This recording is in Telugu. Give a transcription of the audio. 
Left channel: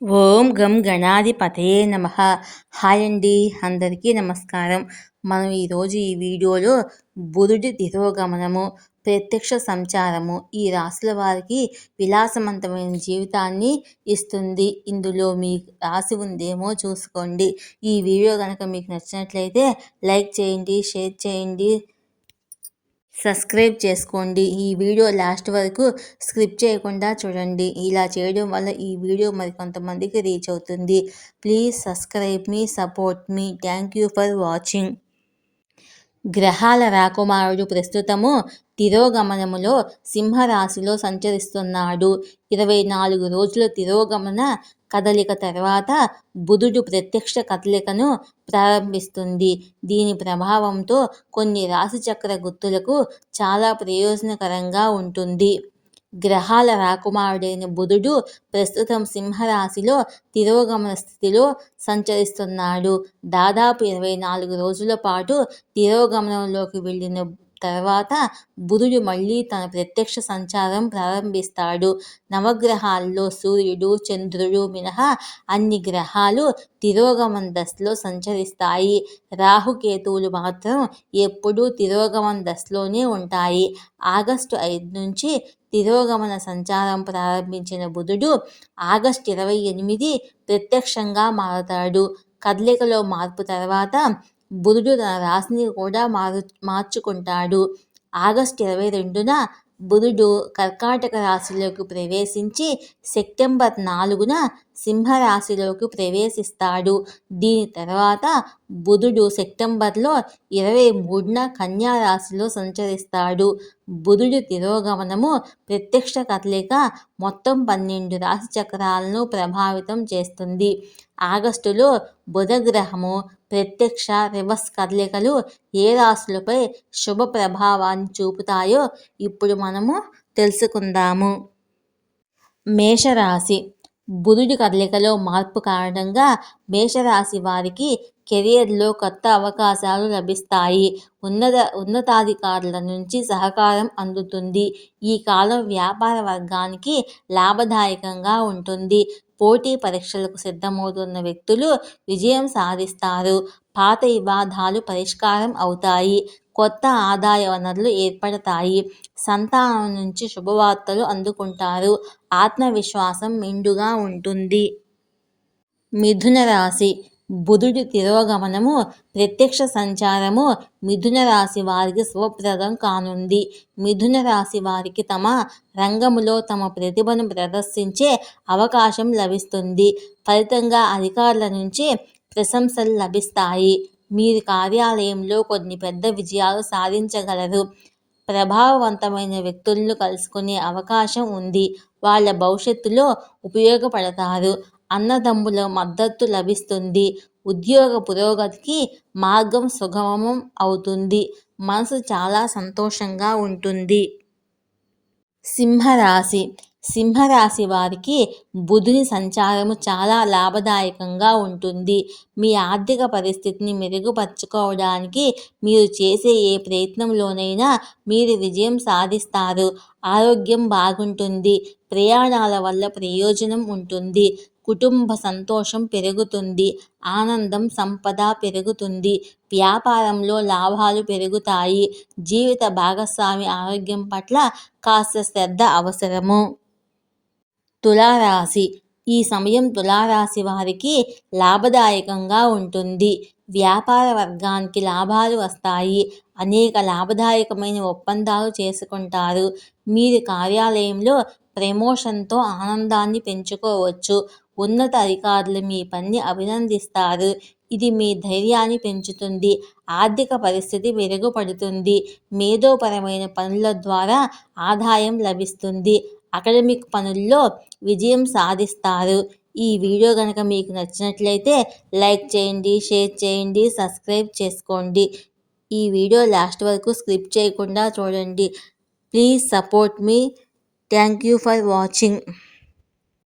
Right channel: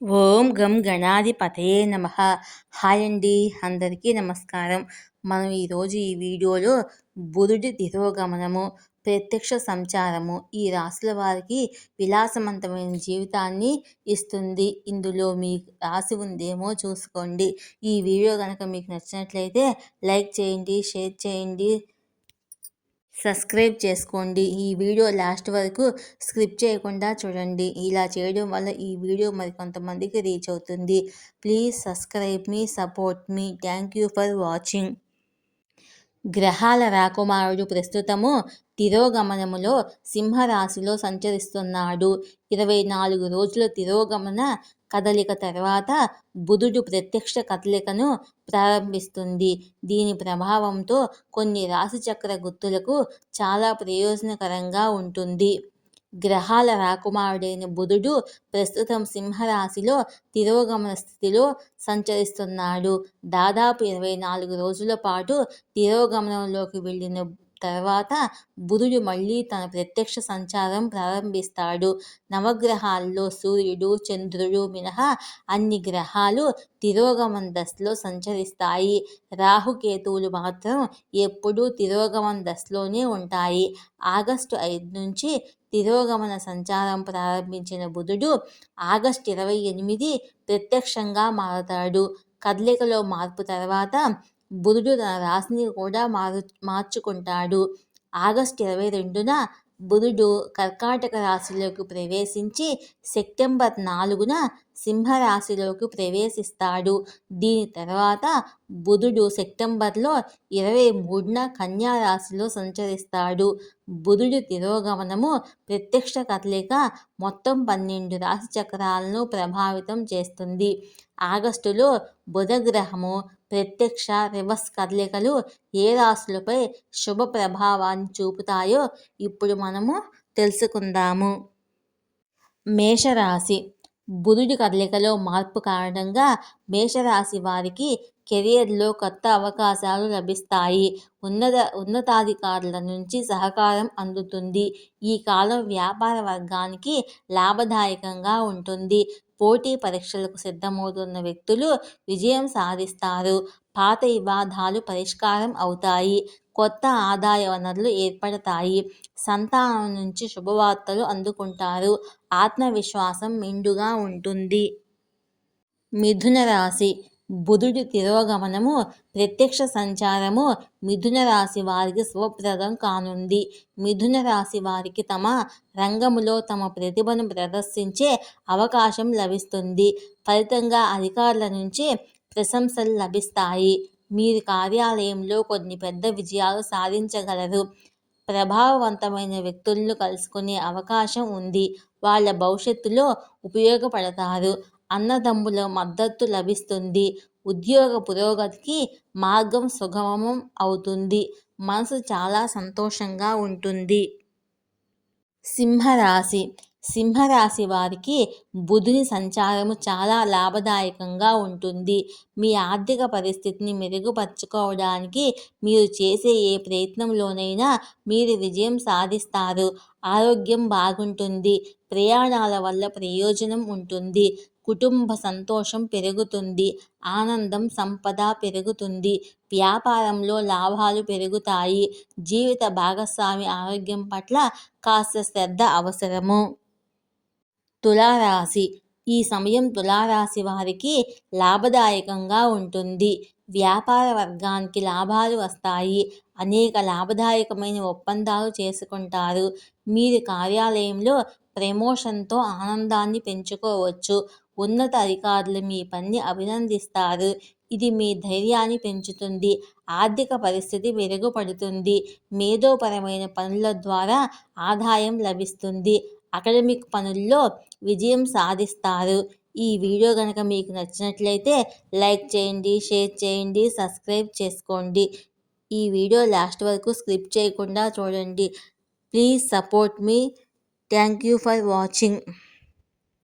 ఓం గం గణాధిపతయే నమః. హాయ్ అండి, అందరికీ నమస్కారం. మనం ఈరోజు ఈ వీడియోలో బుధుడి తిరోగమనము, ప్రత్యక్ష సంచారము ఈ రాశుల వారికి విలాసవంతమైన జీవితాన్ని ఇస్తుంది. ఇందులో మీ రాశి ఉందేమో చూసుకోండి. ఈ వీడియో కనుక మీకు నచ్చినట్లయితే లైక్ చేయండి, షేర్ చేయండి, సబ్స్క్రైబ్ చేసుకోండి. ఈ వీడియో లాస్ట్ వరకు స్కిప్ చేయకుండా చూడండి. ఇలా చేయడం వల్ల ఈ వీడియో మరికొంతమందికి రీచ్ అవుతుంది. Please subscribe me, support me. Thank you for watching. గ్రహాల రాకుమారుడు ప్రస్తుతము తిరోగమనములో సింహరాశిలో సంచరిస్తున్నాడు. 24 రోజుల తిరోగమన కదలిక తర్వాత బుధుడు ప్రత్యక్ష కదలికను ప్రారంభిస్తుంది. దీని ప్రభావంతో కొన్ని రాశిచక్ర గుర్తులకు చాలా ప్రయోజనకరంగా ఉంటుంది. గ్రహాల రాకుమారుడైన బుధుడు ప్రస్తుతం సింహరాశిలో తిరోగమన స్థితిలో సంచరిస్తున్నాడు. దాదాపు 24 రోజుల పాటు తిరోగమనంలోకి వెళ్ళిన తర్వాత బుధుడు మళ్ళీ తన ప్రత్యక్ష సంచారం ప్రారంభిస్తాడు. నవగ్రహాల్లో సూర్యుడు, చంద్రుడు మినహా అన్ని గ్రహాలు తిరోగమన దశలో సంచరిస్తాయి. రాహుకేతువులు మాత్రం ఎప్పుడూ తిరోగమన దశలోనే ఉంటాయి. ఆగస్టు 5 నుంచి తిరోగమన సంచారం ప్రారంభించిన బుధుడు ఆగస్టు 28 ప్రత్యక్షంగా మారతాడు. కదలికలో మార్పు తర్వాత బుధుడు తన రాశిని కూడా మార్చుకుంటాడు. ఆగస్టు 22న బుధుడు కర్కాటక రాశిలోకి ప్రవేశించి సెప్టెంబర్ 4న సింహరాశిలోకి ప్రవేశిస్తాడు. దీని తర్వాత బుధుడు సెప్టెంబర్లో 23న కన్యా రాశిలో సంచరిస్తాడు. బుధుడి తిరోగమనము ప్రత్యక్ష కదలిక మొత్తం 12 రాశి చక్రాలను ప్రభావితం చేస్తుంది. ఆగస్టులో బుధగ్రహము ప్రత్యక్ష, రివర్స్ కదలికలు ఏ రాశులపై శుభ ప్రభావాన్ని చూపుతాయో ఇప్పుడు మనము తెలుసుకుందాము. మేషరాశి. బుధుడి కదలికలో మార్పు కారణంగా మేషరాశి వారికి కెరియర్లో కొత్త అవకాశాలు లభిస్తాయి. ఉన్నతాధికారుల నుంచి సహకారం అందుతుంది. ఈ కాలం వ్యాపార వర్గానికి లాభదాయకంగా ఉంటుంది. పోటీ పరీక్షలకు సిద్ధమవుతున్న వ్యక్తులు విజయం సాధిస్తారు. పాత వివాదాలు పరిష్కారం అవుతాయి. కొత్త ఆదాయ వనరులు ఏర్పడతాయి. సంతానం నుంచి శుభవార్తలు అందుకుంటారు. ఆత్మవిశ్వాసం మెండుగా ఉంటుంది. మిథున రాశి. బుధుడి తిరోగమనము, ప్రత్యక్ష సంచారము మిథున రాశి వారికి శుభప్రదం కానుంది. మిథున రాశి వారికి తమ రంగములో తమ ప్రతిభను ప్రదర్శించే అవకాశం లభిస్తుంది. ఫలితంగా అధికారుల నుంచి ప్రశంసలు లభిస్తాయి. మీరు కార్యాలయంలో కొన్ని పెద్ద విజయాలు సాధించగలరు. ప్రభావవంతమైన వ్యక్తులను కలుసుకునే అవకాశం ఉంది. వాళ్ళ భవిష్యత్తులో ఉపయోగపడతారు. అన్నదమ్ముల మద్దతు లభిస్తుంది. ఉద్యోగ పురోగతికి మార్గం సుగమం అవుతుంది. మనసు చాలా సంతోషంగా ఉంటుంది. సింహరాశి. సింహరాశి వారికి బుధుని సంచారము చాలా లాభదాయకంగా ఉంటుంది. మీ ఆర్థిక పరిస్థితిని మెరుగుపరుచుకోవడానికి మీరు చేసే ఏ ప్రయత్నంలోనైనా మీరు విజయం సాధిస్తారు. ఆరోగ్యం బాగుంటుంది. ప్రయాణాల వల్ల ప్రయోజనం ఉంటుంది. కుటుంబ సంతోషం పెరుగుతుంది. ఆనందం, సంపద పెరుగుతుంది. వ్యాపారంలో లాభాలు పెరుగుతాయి. జీవిత భాగస్వామి ఆరోగ్యం పట్ల కాస్త శ్రద్ధ అవసరము. తులారాశి. ఈ సమయం తులారాశి వారికి లాభదాయకంగా ఉంటుంది. వ్యాపార వర్గానికి లాభాలు వస్తాయి. అనేక లాభదాయకమైన ఒప్పందాలు చేసుకుంటారు. మీరు కార్యాలయంలో ప్రమోషన్తో ఆనందాన్ని పెంచుకోవచ్చు. ఉన్నత అధికారులు మీ పనిని అభినందిస్తారు. ఇది మీ ధైర్యాన్ని పెంచుతుంది. ఆర్థిక పరిస్థితి మెరుగుపడుతుంది. మేధోపరమైన పనుల ద్వారా ఆదాయం లభిస్తుంది. అకాడమిక్ పనుల్లో విజయం సాధిస్తారు. ఈ వీడియో కనుక మీకు నచ్చినట్లయితే లైక్ చేయండి, షేర్ చేయండి, సబ్స్క్రైబ్ చేసుకోండి. ఈ వీడియో లాస్ట్ వరకు స్కిప్ చేయకుండా చూడండి. Please support me. Thank you for watching.